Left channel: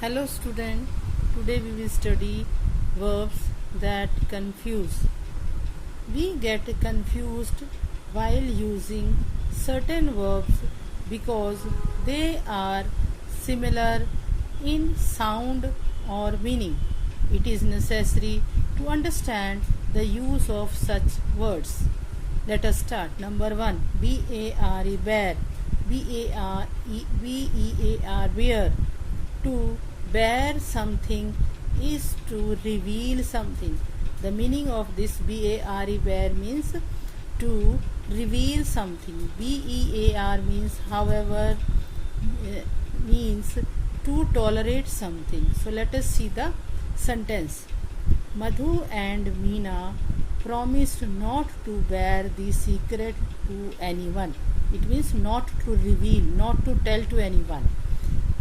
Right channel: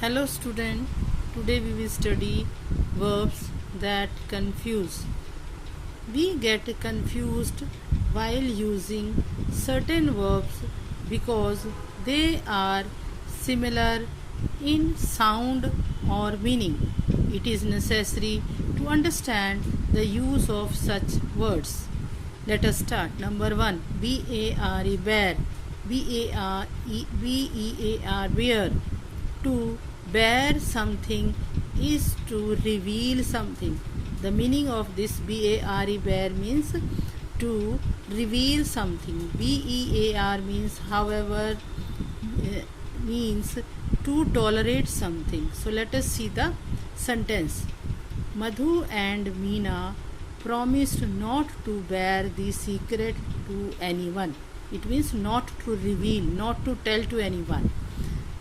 Hello student, today we will study verbs that confuse. We get confused while using certain verbs because they are similar in sound or meaning. It is necessary to understand the use of such words. Let us start. Number 1, B-A-R-E, bear. B-E-A-R, bear. To bear something is to reveal something. The meaning of this B-A-R-E, bear, means to reveal something. B-E-A-R means however, means to tolerate something. So let us see the sentence. Madhu and Meena promised not to bear the secret to anyone. It means not to reveal, not to tell to anyone.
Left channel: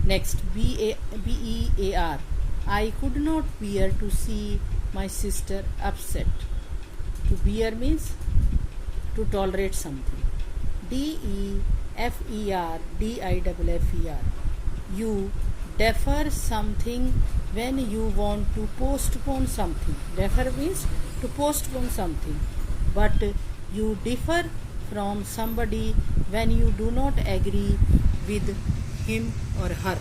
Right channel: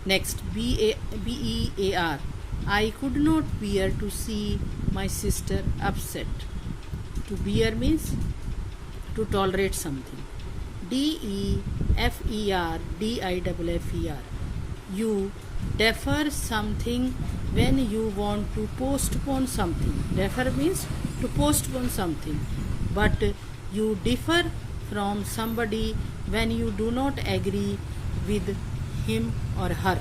Next, B-E-A-R. I could not bear to see my sister upset. To bear means to tolerate something. D-E-F-E-R, D-I-F-F-E-R. You defer something when you want to postpone something. Defer means to postpone something. But you differ from somebody when you do not agree with him or her.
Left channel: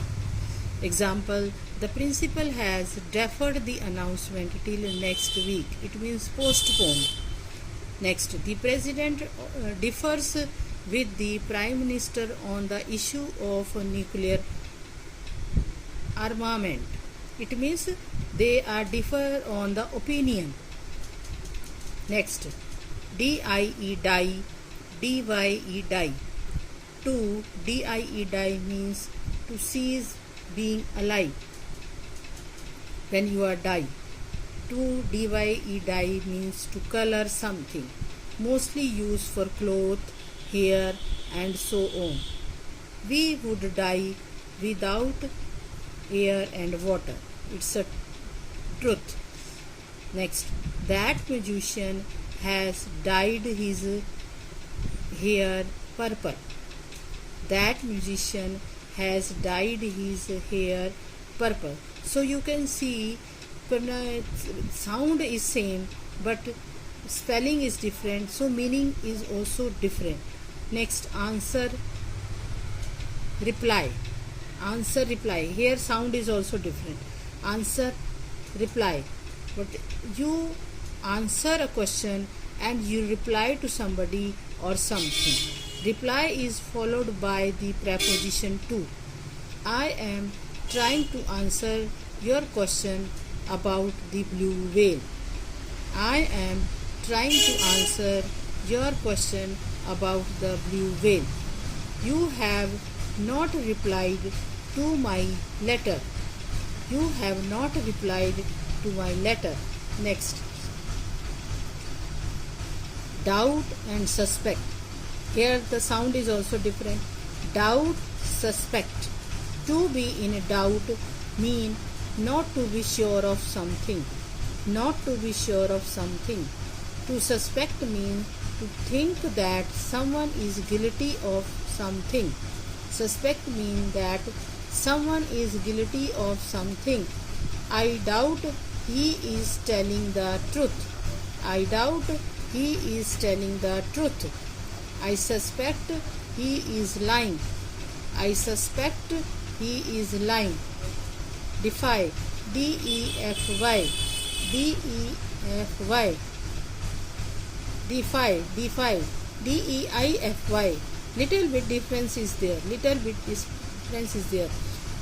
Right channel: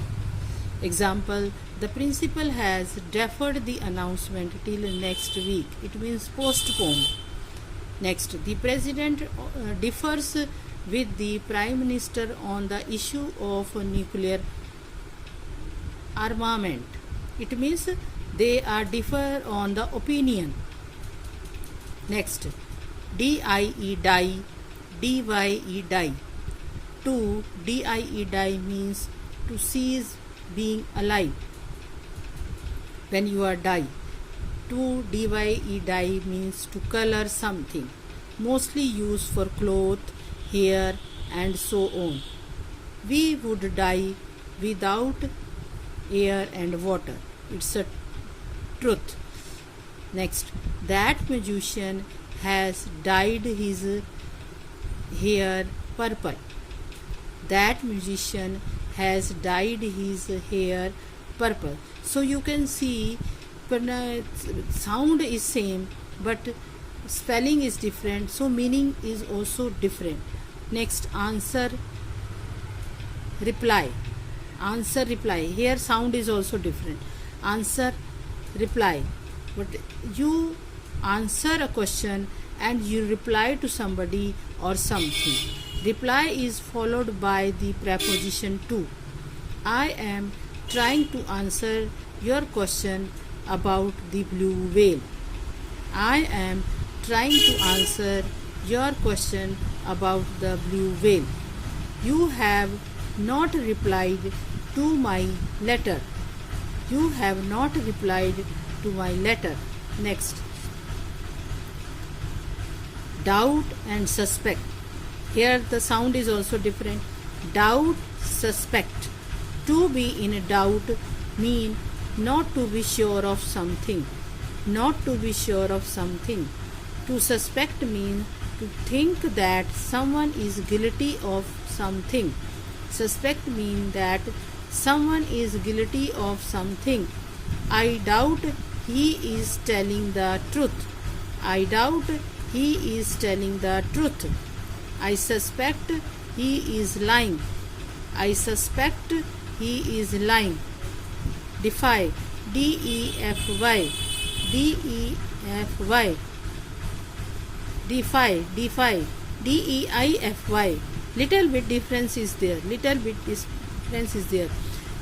Example, the principal has deferred the announcement till next week. It means postponed. Next, the president differs with the prime minister on the issue of nuclear armament. It means they are differ on the opinion. Next, D-I-E, die, D-Y-E, die. To D-I-E, die means to cease being alive when you are die. To D-Y-E, die means to color something, mostly used for cloth, hair and so on. We would die without air and water. It's a truth. Next, that magician has dyed his hair purple. That musician has dyed his hair purple. So you can see sound is same but spelling is different, so meaning is also different. Next, answer, reply. Answer, reply. Here sound is also different. Answer, reply. But you answer a question and you reply to somebody or something. Reply is followed by the preposition to. I am trying to answer your question about the blue whale. I am trying to answer your question about the blue whale. You have not replied to my letter. You have not replied to my letter. Next, doubt and suspect. Here the sound is also different. Doubt, suspect. To be in doubt mean not to be sure of something. Not to be sure of something. To suspect mean to think that someone is guilty of something. Suspect mean that someone is guilty of something. I doubt he is telling the truth. I doubt he is telling the truth. I suspect he is lying. I suspect he is lying. Defy, D-E-F-Y, D-E-F-Y. Defy, defy, D-E-I-F-Y. Little bit difference is there. Little bit difference is there.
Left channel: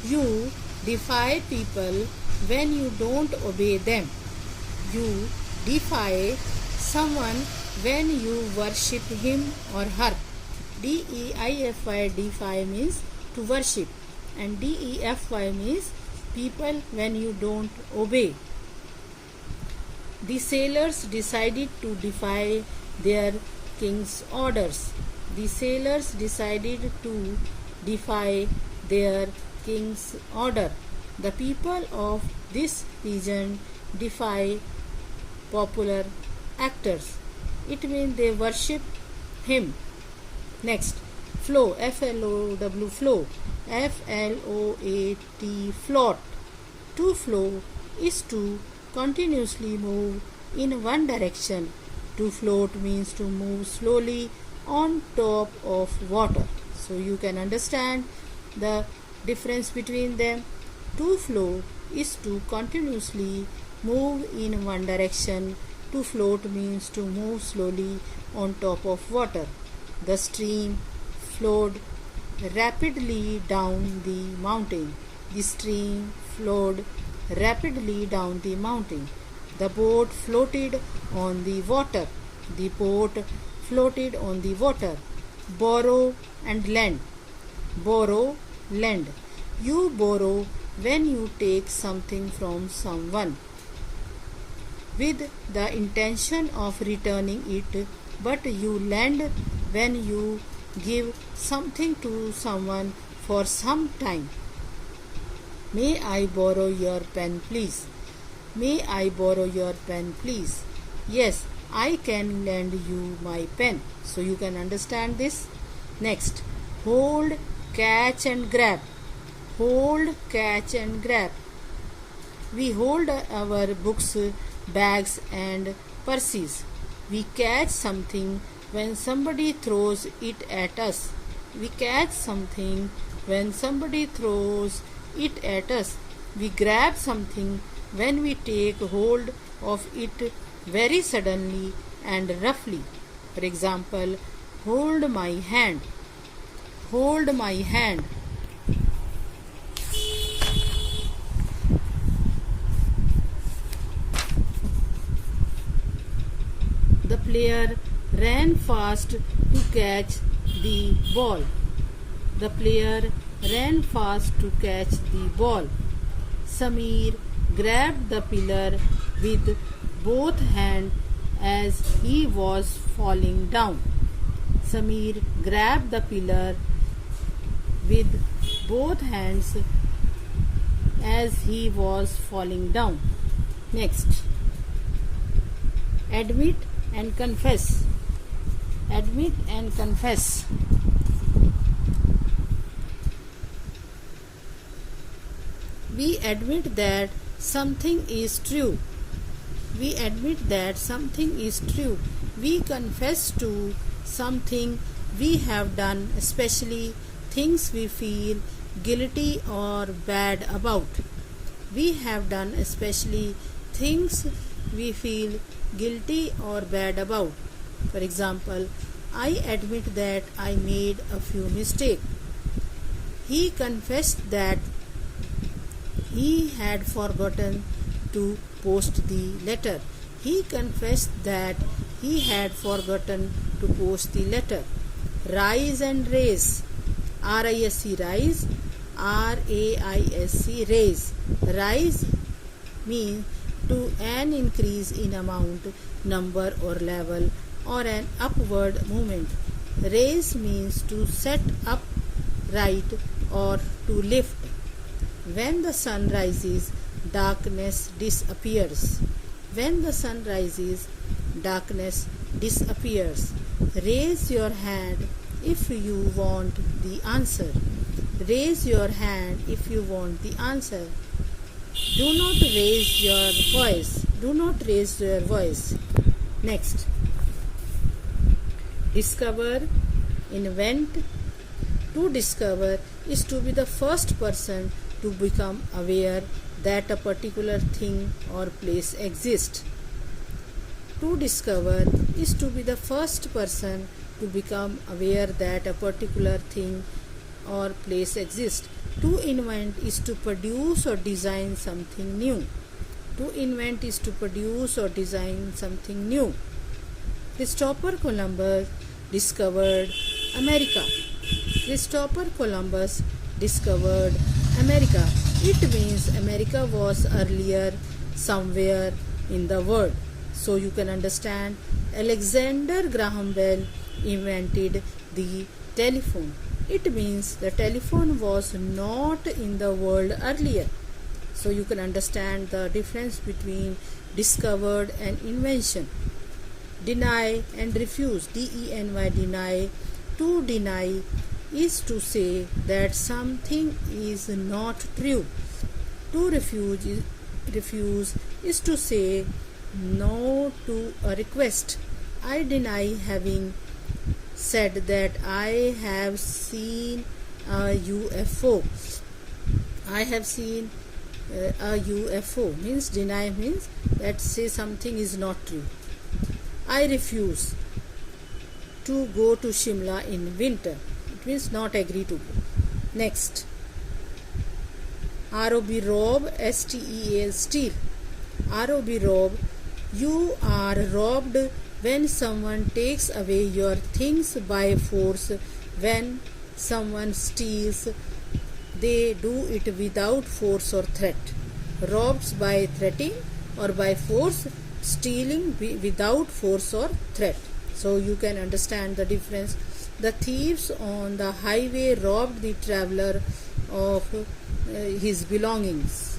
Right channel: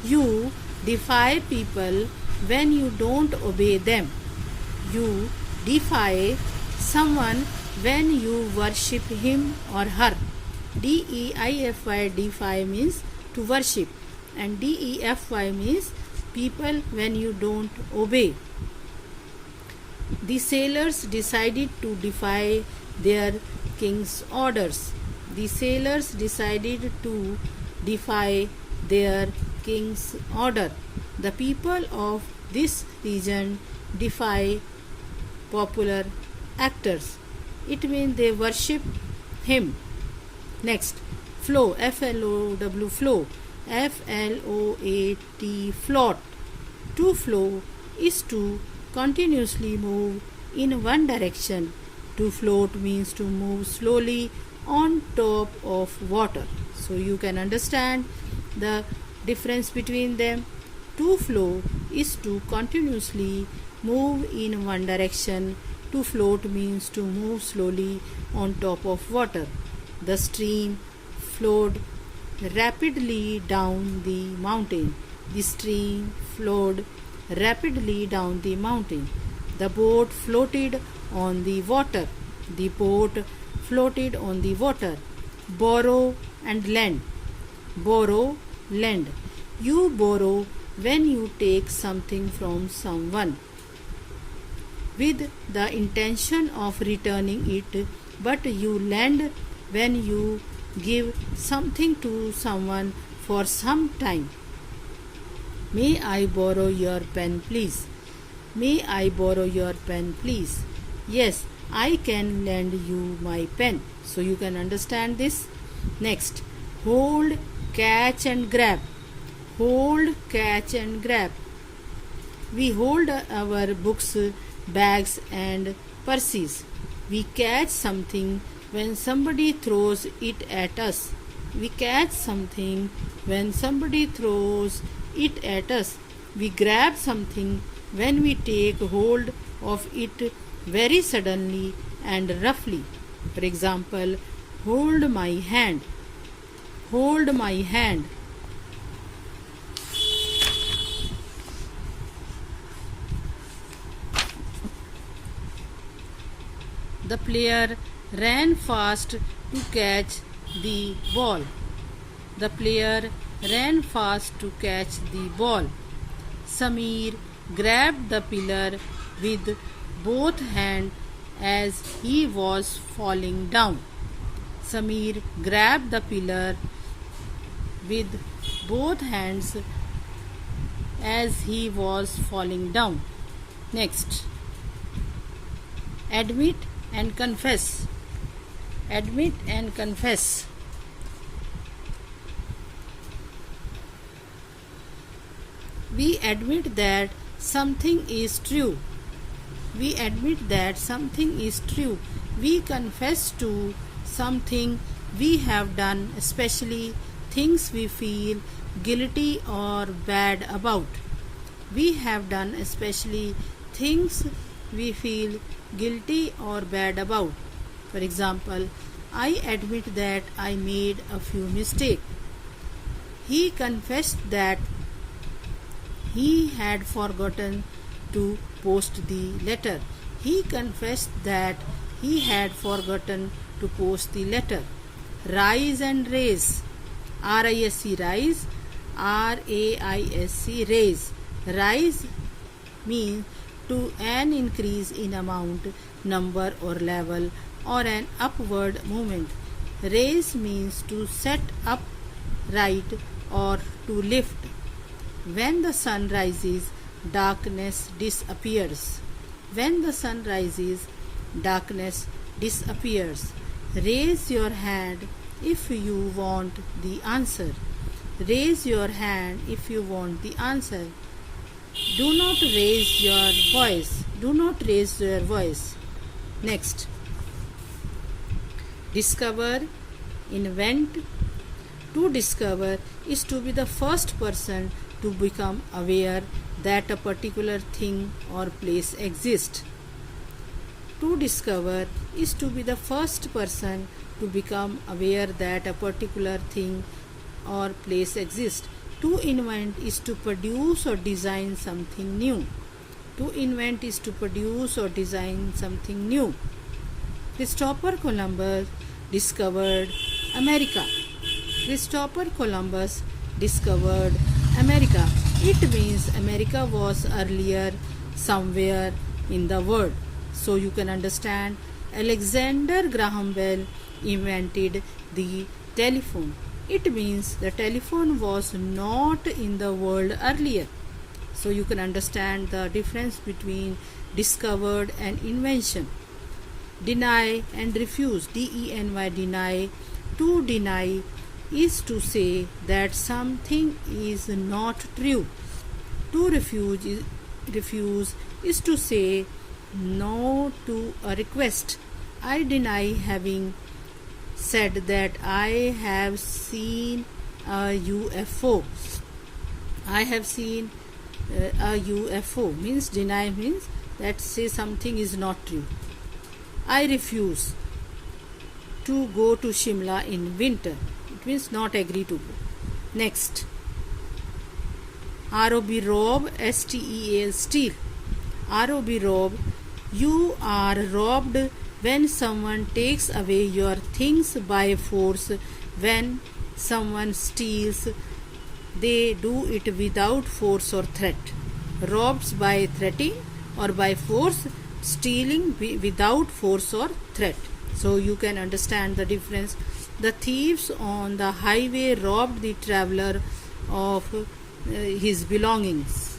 You defy people when you don't obey them. You defy someone when you worship him or her. D-E-I-F-Y, defy means to worship, and D-E-F-Y means people when you don't obey. The sailors decided to defy their king's orders. The sailors decided to defy their king's order. The people of this region defy popular actors. It means they worship him. Next, flow, F-L-O-W, flow. F-L-O-A-T, float. To flow is to continuously move in one direction. To float means to move slowly on top of water. So you can understand the difference between them. To flow is to continuously move in one direction. To float means to move slowly on top of water. The stream flowed rapidly down the mountain. The stream flowed rapidly down the mountain. The boat floated on the water. The boat floated on the water. Borrow and lend. Borrow, lend. You borrow when you take something from someone with the intention of returning it, but you lend when you give something to someone for some time. May I borrow your pen, please? May I borrow your pen, please? Yes, I can lend you my pen. So you can understand this. Next, hold, catch and grab. Hold, catch and grab. We hold our books, bags and purses. We catch something when somebody throws it at us. We catch something when somebody throws it at us. We grab something when we take hold of it very suddenly and roughly. For example, hold my hand. Hold my hand. The player ran fast to catch the ball. The player ran fast to catch the ball. Samir grabbed the pillar with both hands as he was falling down. Samir grabbed the pillar with both hands as he was falling down. Next, admit and confess. Admit and confess. We admit that something is true. We admit that something is true. We confess to something we have done, especially things we feel guilty or bad about. We have done especially things we feel guilty or bad about. For example, I admit that I made a few mistakes. He confessed that he had forgotten to post the letter. He confessed that he had forgotten to post the letter. Rise and raise. R-I-S-E, rise. R-A-I-S-E, raise. Rise means to an increase in amount, number or level, or an upward movement. Raise means to set up right or to lift. When the sun rises, darkness disappears. When the sun rises, darkness disappears. Raise your hand if you want the answer. Raise your hand if you want the answer. Do not raise your voice. Do not raise your voice. Next, discover, invent. To discover is to be the first person to become aware that a particular thing or place exists. To discover is to be the first person to become aware that a particular thing or place exists. To invent is to produce or design something new. To invent is to produce or design something new. Christopher Columbus discovered America. Christopher Columbus discovered America. It means America was earlier somewhere in the world. So you can understand Alexander Graham Bell invented the telephone. It means the telephone was not in the world earlier. So you can understand the difference between discovered and invention. Deny and refuse. D-E-N-Y, deny. To deny is to say that something is not true. To refuse is to say no to a request. I deny having said that I have seen a UFO. I have seen a UFO means deny, means that say something is not true. I refuse to go to Shimla in winter. It means not agree to go. Next, rob, steal, steal. Rob, you are robbed when someone takes away your things by force. When someone steals, they do it without force or threat. Robs by threatening or by force, stealing without force or threat. So you can understand the difference. The thieves on the highway robbed the traveler of his belongings.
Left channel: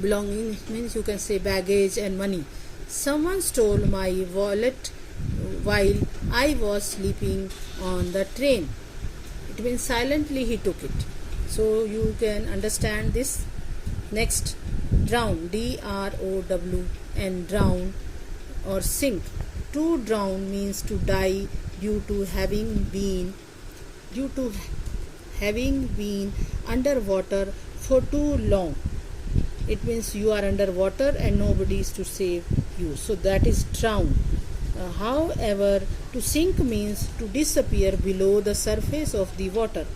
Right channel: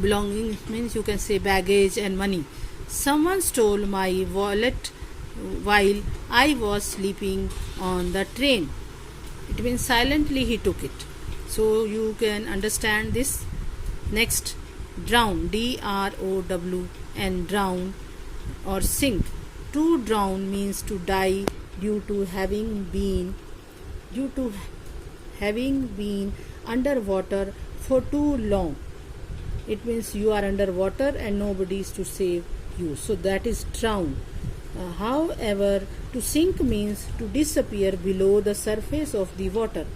Belongings means you can say baggage and money. Someone stole my wallet while I was sleeping on the train. It means silently he took it. So you can understand this. Next, drown, DROWN, drown or sink. To drown means to die due to having been underwater for too long. It means you are underwater and nobody is to save you. So that is drown. However, to sink means to disappear below the surface of the water.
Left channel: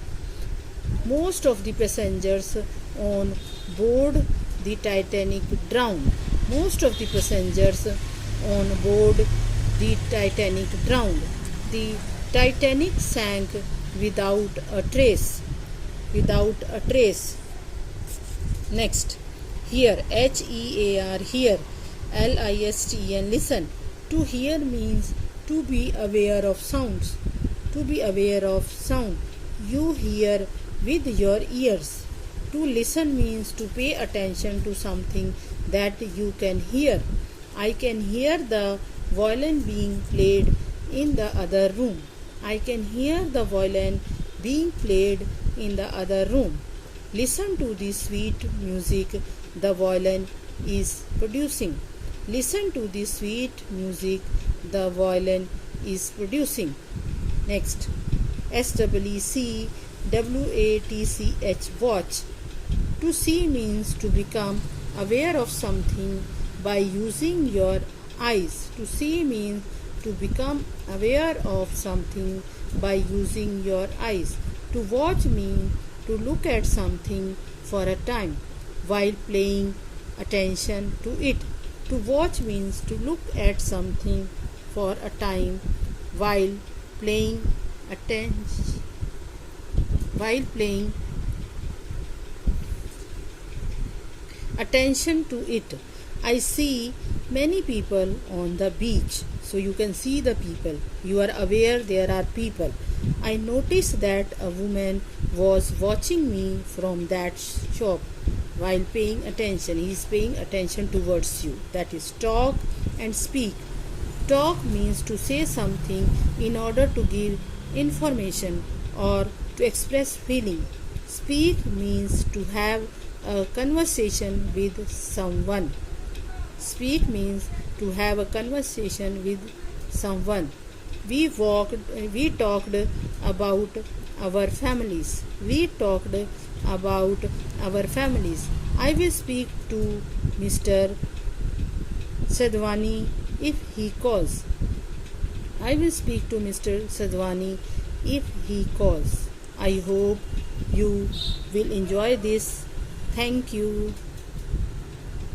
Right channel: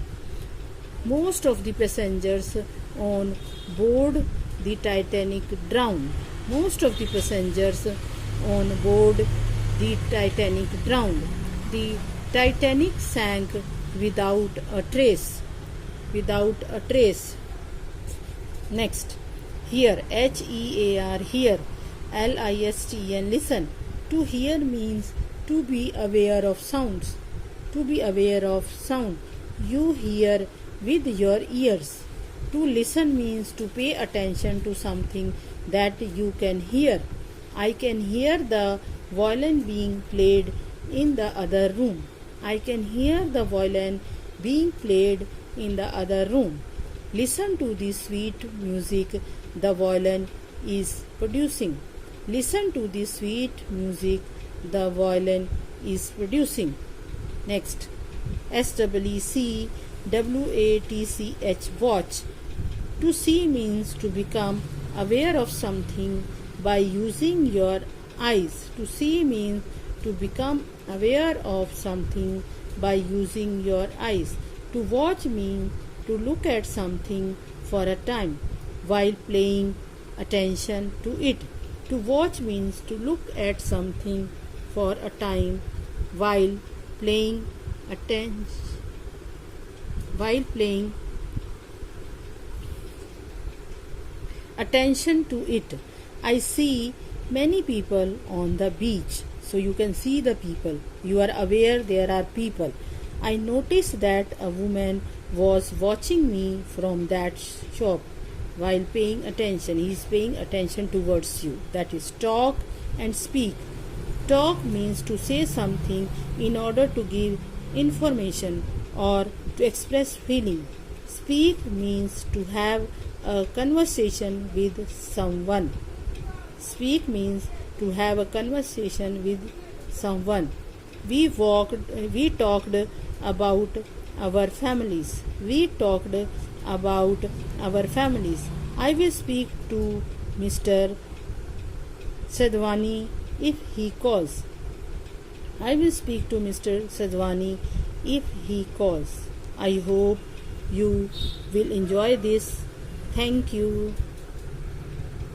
Most of the passengers on board the Titanic drowned. Most of the passengers on board the Titanic drowned. The Titanic sank without a trace. Without a trace. Next, hear, HEAR, hear, LISTEN, listen. To hear means to be aware of sounds. To be aware of sound. You hear with your ears. To listen means to pay attention to something that you can hear. I can hear the violin being played in the other room. I can hear the violin being played in the other room. Listen to the sweet music the violin is producing. Listen to the sweet music the violin is producing. Next, SWEC, WATCH, watch. To see means to become aware of something by using your eyes. To see means to become aware of something by using your eyes. To watch means to look at something for a time while paying attention to it. To watch means to look at something for a time while paying attention to it. I see many people on the beach. So you can see the people. You are aware there are people. I noticed that a woman was watching me from that shop while paying attention. He is paying attention towards you. That is talk and speak. Talk means to say something in order to give information or to express feeling. Speak means to have a conversation with someone. Speak means to have a conversation with someone. We talked about our families. We talked about our families. I will speak to Mr. Sadhwani if he calls. I will speak to Mr. Sadhwani if he calls. I hope you will enjoy this. Thank you.